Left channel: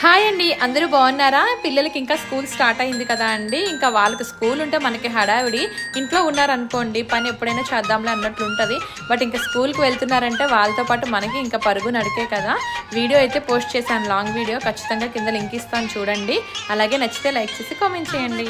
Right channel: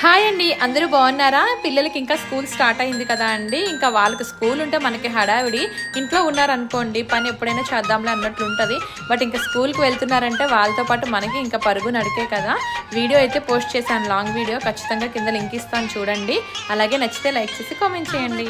Hi అండి, అందరూ బాగున్నారా? పిల్లలకి ఇంకా స్కూల్ స్టార్ట్ అయింది కదా అండి. ఇంకా వాళ్ళకి స్కూల్ ఉంటే మనకి హడావిడి. ఇంట్లో ఉన్నారనుకోండి పని ఎప్పుడైనా చేద్దాంలే అన్నట్లు ఉంటుంది. బట్ ఇంకా స్కూల్కి వెళ్తున్నారంటే వాళ్ళతో పాటు మనకి ఇంకా పరుగు నడికే కదా. వీడియో అయితే పోస్ట్ చేశాను, లాంగ్ వీడియో. ఖచ్చితంగా కింద లింక్ ఇస్తాను చూడండి. అలాగే నచ్చితే లైక్ చేసి కామెంట్ చేయండి.